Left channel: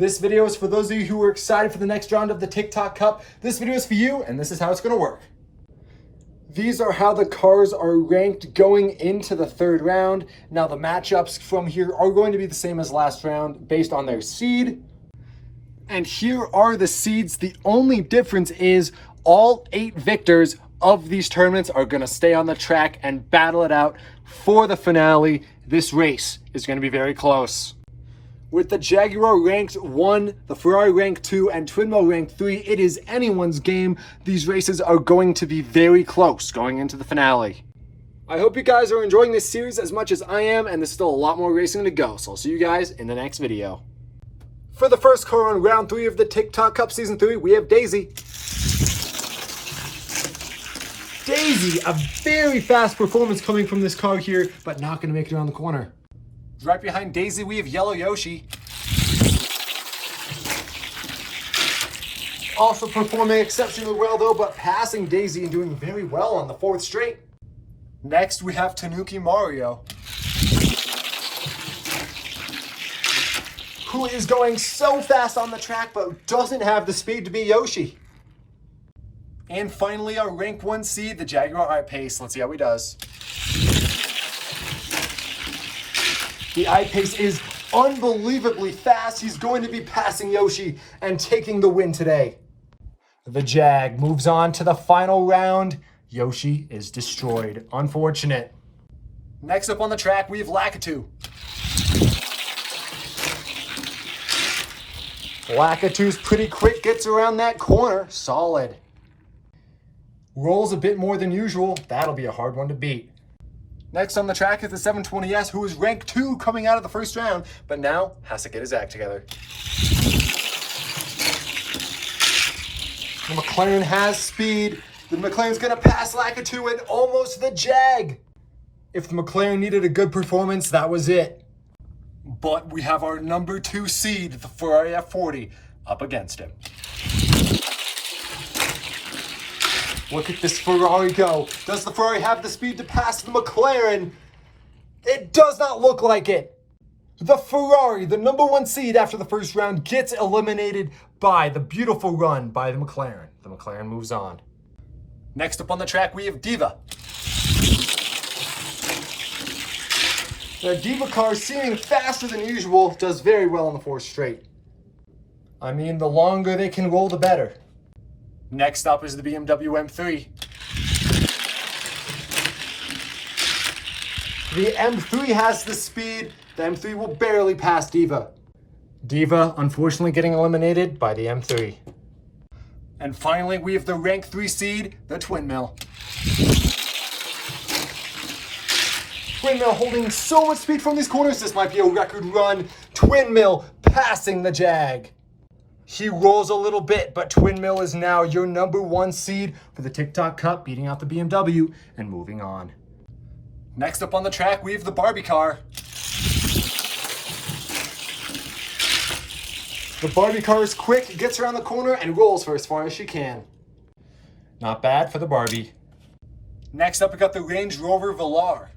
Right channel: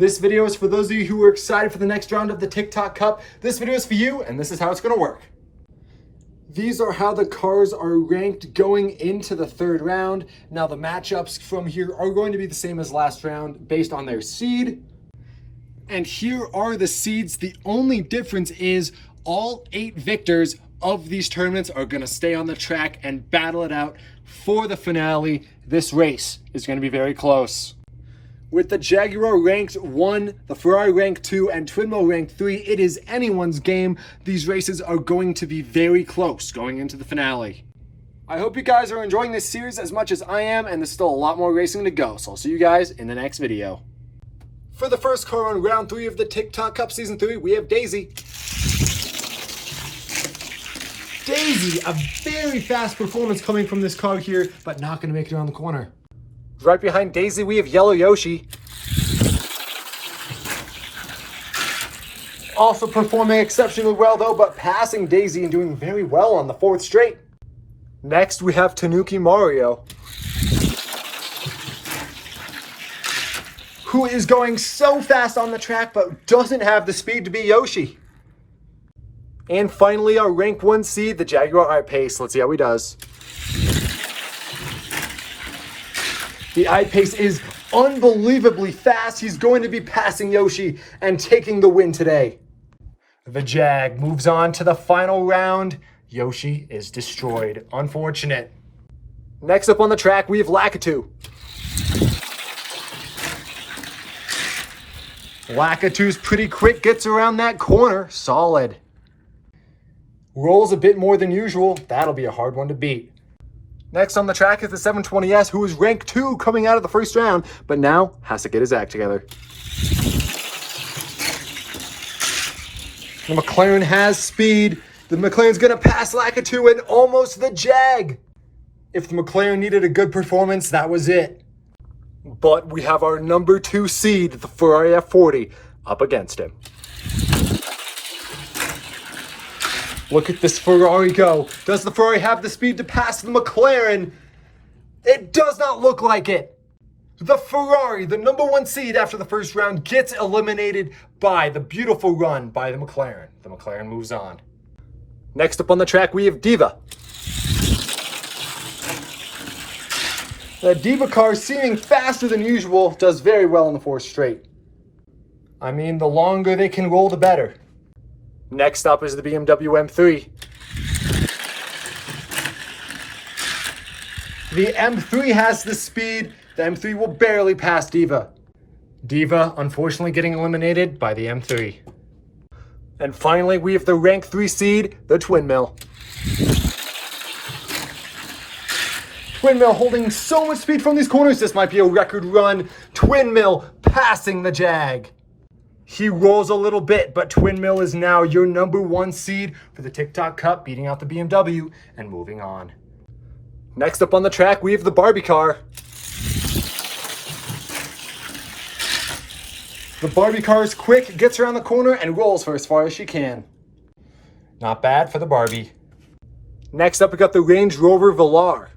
This video is for those of you who are excited for the next round of the TikTok Cup. This video is for you, and this is how it's gonna work. These are how the cars are ranked going into the third round. Now the matchups from here are going to be the same as last round based on their seed. And here are the seeds. The only difference is all 8 victors of these tournaments are gonna stay on the track and battle it out for the finale. This race is gonna be very close. With the Jaguar ranked 1, the Ferrari ranked 2, and Twin Mill ranked 3, it is anyone's game. These races are going to be very close going into the finale. I hope you guys are enjoying this series as much as I am, and there's still a lot more racing to go, so I'll see you guys in the next video. For the first car on round 3 of the TikTok Cup Season 3, we have Daisy. Daisy, a very fast performance coming from this car here, but not going to make it around the corner. Right behind Daisy, we have Yellow Yoshi. Also performing exceptionally well though, but passing Daisy and doing very well on the 4th straight. Next, we have Tanuki Mario, who is going so fast on the track, but doesn't have the speed to be Yoshi. And finally, our rank 1 seed, the Jaguar I-Pace. Let's see how he does. The I-Pace is unbelievably fast. He's going to be passing Yoshi and taking the win today. The Jag moves on to the final round. Yoshi is destroyed. Unfortunate. Next up on the track, we have Lakitu. Lakitu's pretty quick, gets around that corner. Solid. Rolls a bit more than usual. That'll be a hard one to beat. Next on the track is the 720S, who is ranked 2 coming out of the first round, but now has to get his act together. The McLaren has speed. The McLaren's gonna pass Lakitu and almost the Jag. If the McLaren needed a good performance, that was it. But we have our number 2 seed, the Ferrari F40, up against him. Look at this Ferrari go. Does the Ferrari have the speed to pass the McLaren? It does not look like it. The Ferrari, the number 1 seed after the first round, gets eliminated by the beautiful run by the McLaren. The McLaren moves on. Next up on the track, we have Diva. The Diva car, seeming faster than usual, does very well in the 4th straight. I mean, the longer they can roll, the better. Next up is the BMW M3. The M3 has the speed. The M3 will barely pass Diva. Diva, unfortunately, getting eliminated by the M3. And finally, we have the rank 3 seed, the Twin Mill. Twin Mill holding so much speed from these corners. This might be a record run. Twin Mill passing the Jag. He rolls a little bit, but Twin Mill is now your number 1 seed for the TikTok Cup, beating out the BMW and moving on. Next up on the track, we have the Barbie car. The Barbie car is quick, gets around the corner, and rolls for as far as she can. Not bad for the Barbie. Next up, we got the Range Rover Velar.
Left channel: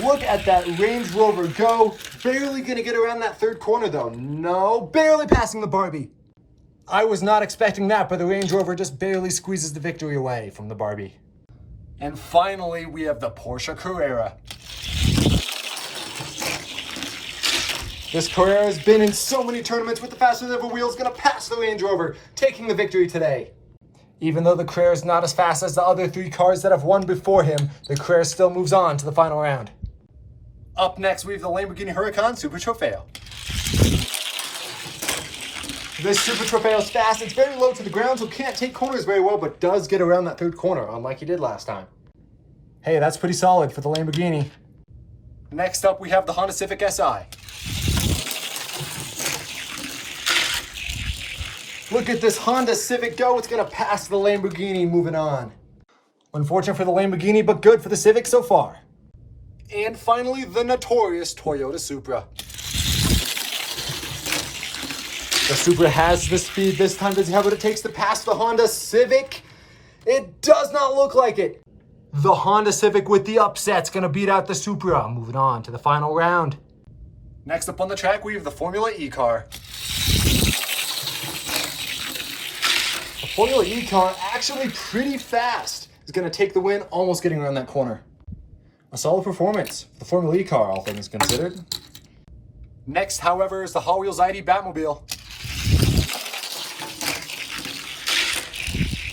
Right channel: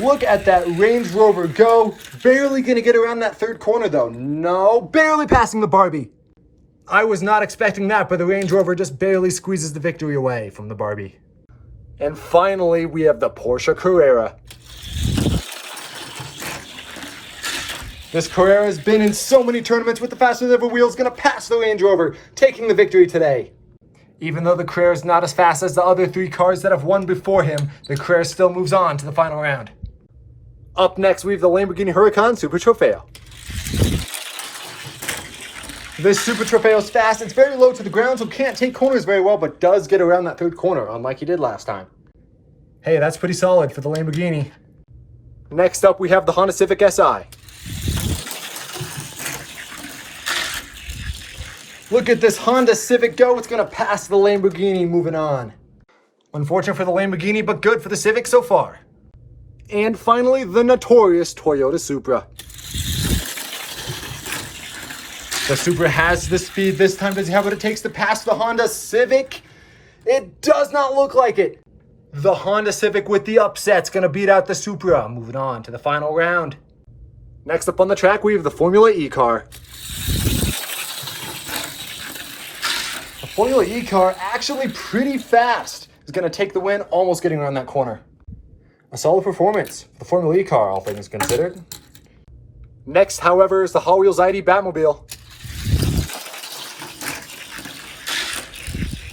Look at that Range Rover go. Barely gonna get around that 3rd corner though. No, barely passing the Barbie. I was not expecting that, but the Range Rover just barely squeezes the victory away from the Barbie. And finally, we have the Porsche Carrera. This Carrera has been in so many tournaments with the fastest ever wheels, gonna pass the Range Rover, taking the victory today. Even though the Carrera is not as fast as the other 3 cars that have won before him, the Carrera still moves on to the final round. Up next, we have the Lamborghini Huracan Super Trofeo. This Super Trofeo is fast. It's very low to the ground, so can't take corners very well, but does get around that 3rd corner, unlike he did last time. Hey, that's pretty solid for the Lamborghini. Next up, we have the Honda Civic Si. Look at this Honda Civic go. It's gonna pass the Lamborghini, moving on. Unfortunate for the Lamborghini, but good for the Civic so far. And finally, the notorious Toyota Supra. The Supra has the speed this time. Does he have what it takes to pass the Honda Civic? It does not look like it. The Honda Civic with the upset's gonna beat out the Supra. Moving on to the final round. Next up on the track, we have the Formula E car. The Formula E car, actually pretty fast, is going to take the win, almost getting around that corner. A solid performance for the Formula E car, all things considered. Next, however, is the Hot Wheels ID Batmobile.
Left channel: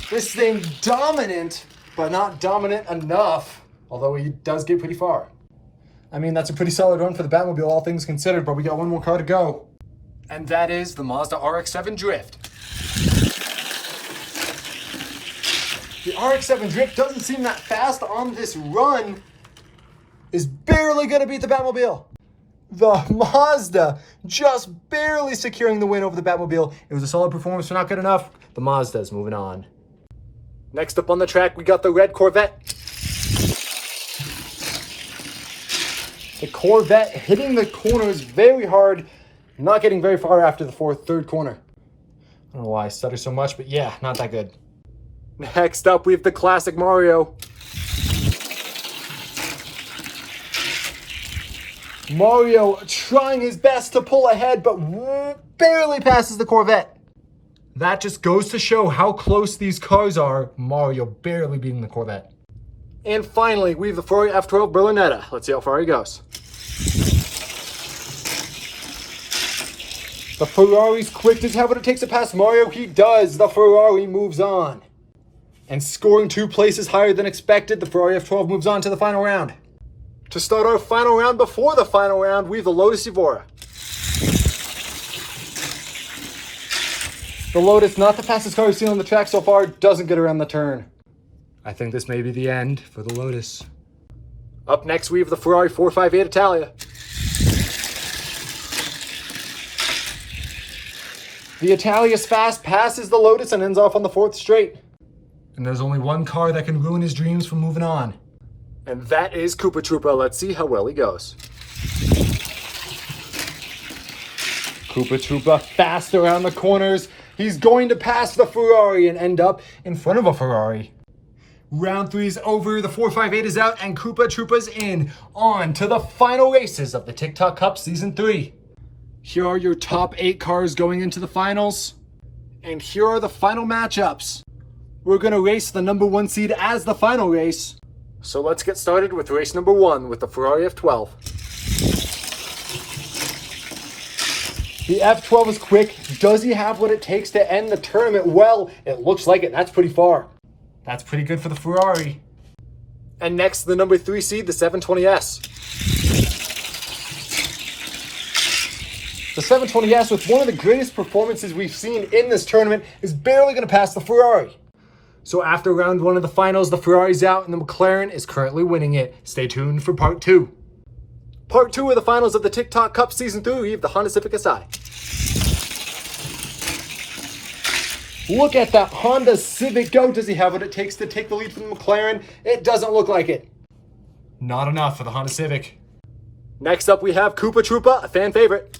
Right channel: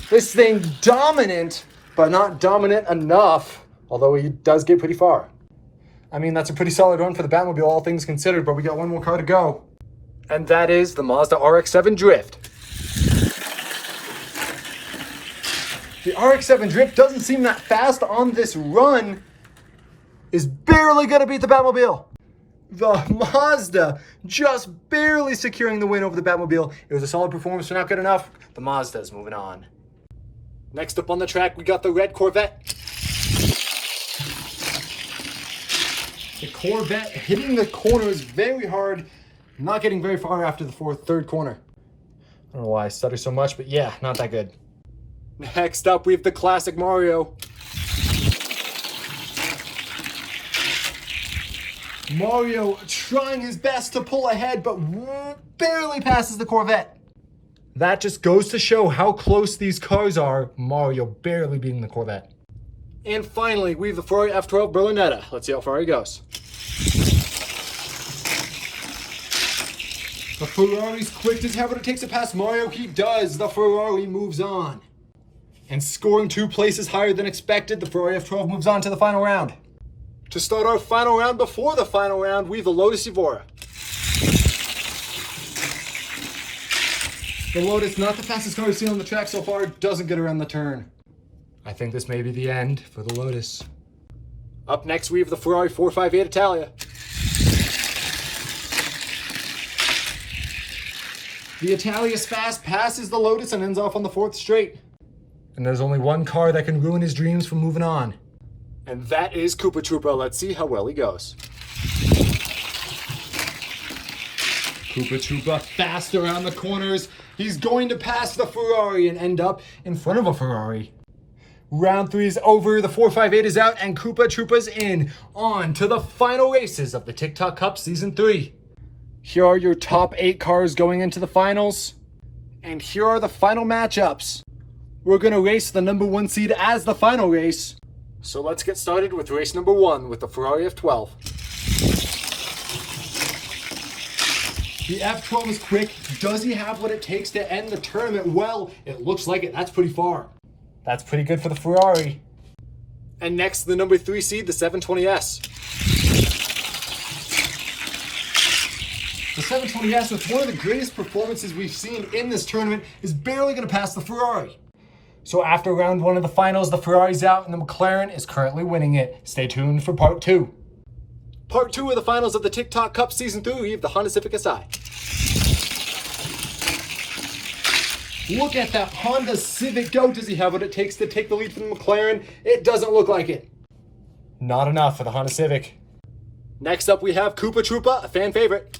This thing dominant, but not dominant enough, although he does get pretty far. I mean, that's a pretty solid run for the Batmobile, all things considered, but we got one more car to go. And that is the Mazda RX-7 Drift. The RX-7 Drift doesn't seem that fast on this run, is barely gonna beat the Batmobile. The Mazda just barely securing the win over the Batmobile. It was a solid performance, but not good enough. The Mazda is moving on. Next up on the track, we got the red Corvette. The Corvette hitting the corners very hard, not getting very far after the third corner. I don't know why I stutter so much, but yeah, not that good. Next up, we have the classic Mario. Mario trying his best to pull ahead, but barely passes the Corvette. That just goes to show how close these cars are. Mario barely beating the Corvette. And finally, we have the Ferrari F12 Berlinetta. Let's see how far he goes. The Ferrari's quick. Does he have what it takes to pass Mario? He does. The Ferrari moves on. And scoring 2 places higher than expected, the Ferrari F12 moves on to the final round. To start our final round, before the final round, we have the Lotus Evora. The Lotus, not the fastest car we've seen on the track so far, doesn't get around the turn. I think this may be the end for the Lotus. Up next, we have the Ferrari 458 Italia. The Italia's fast, passes the Lotus, and ends off on the 4th straight. And there's only one car that can ruin his dreams from moving on. And that is Koopa Troopa. Let's see how well he goes. Koopa Troopa fast around the corners. He's going to pass the Ferrari and end up in front of a Ferrari. Round 3 is over, the 458 is out, and Koopa Troopa's in. On to the final races of the TikTok Cup Season 3. Here are your top 8 cars going into the finals. And here are the final matchups. We're going to race the number 1 seed as the final race. So let's get started with race number 1 with the Ferrari F12. The F12 is quick. Does he have what it takes to end the tournament? Well, it looks like it. That's pretty far. That's pretty good for the Ferrari. And next, the number 3 seed, the 720S. The 720S, with one of the greatest performances we've seen in this tournament, is barely going to pass the Ferrari. So after round 1 of the finals, the Ferrari's out and the McLaren is currently winning it. Stay tuned for part 2. Part 2 of the finals of the TikTok Cup Season 3, we have the Honda Civic SI. Look at that Honda Civic go. Does he have what it takes to take the lead from the McLaren? It doesn't look like it. Not enough for the Honda Civic. Next up, we have Koopa Troopa, a fan favorite.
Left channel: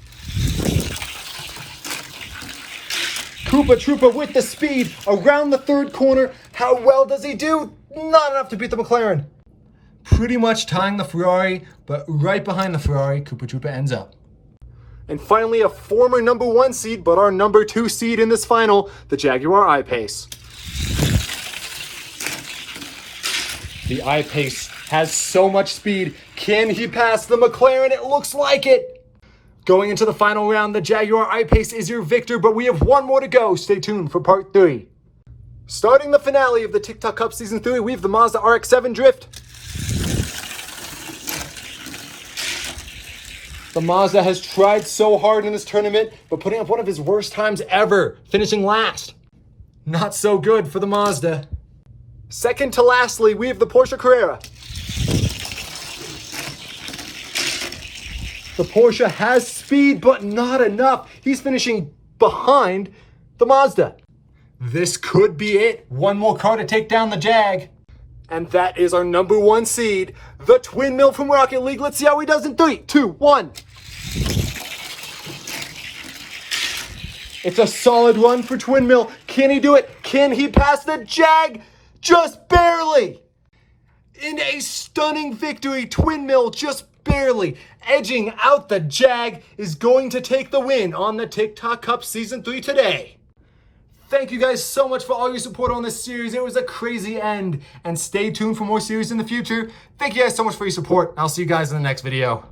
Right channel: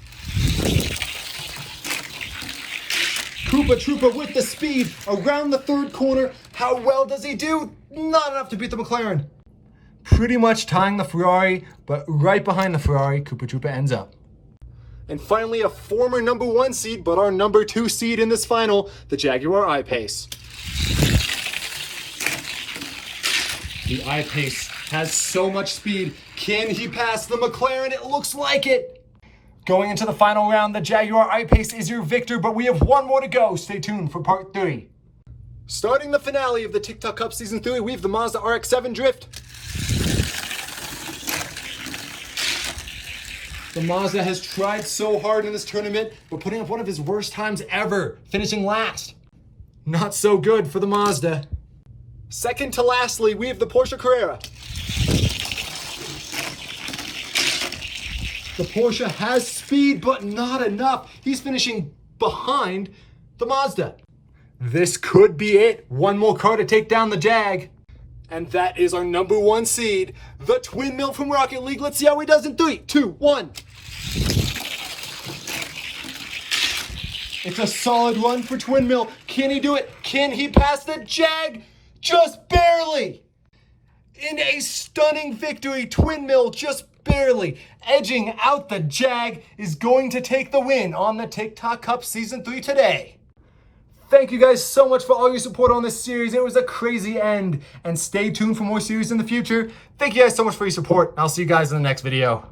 Koopa Troopa with the speed around the 3rd corner. How well does he do? Not enough to beat the McLaren. Pretty much tying the Ferrari, but right behind the Ferrari, Koopa Troopa ends up. And finally, a former number 1 seed, but our number 2 seed in this final, the Jaguar I-Pace. The I-Pace has so much speed. Can he pass the McLaren? It looks like it. Going into the final round, the Jaguar I-Pace is your victor, but we have one more to go. Stay tuned for part 3. Starting the finale of the TikTok Cup Season 3, we have the Mazda RX-7 Drift. The Mazda has tried so hard in this tournament, but putting up one of his worst times ever, finishing last. Not so good for the Mazda. Second to lastly, we have the Porsche Carrera. The Porsche has speed, but not enough. He's finishing behind the Mazda. This could be it. One more car to take down the Jag. And that is our number 1 seed, the Twin Mill from Rocket League. Let's see how he does in 3, 2, 1. It's a solid run for Twin Mill. Can he do it? Can he pass the Jag? Just barely. In a stunning victory, Twin Mill just barely edging out the Jag, is going to take the win on the TikTok Cup Season 3 today. Thank you guys so much for all your support on this series. It was a crazy end, and stay tuned for more series in the future. Thank you guys so much for your support. I'll see you guys in the next video.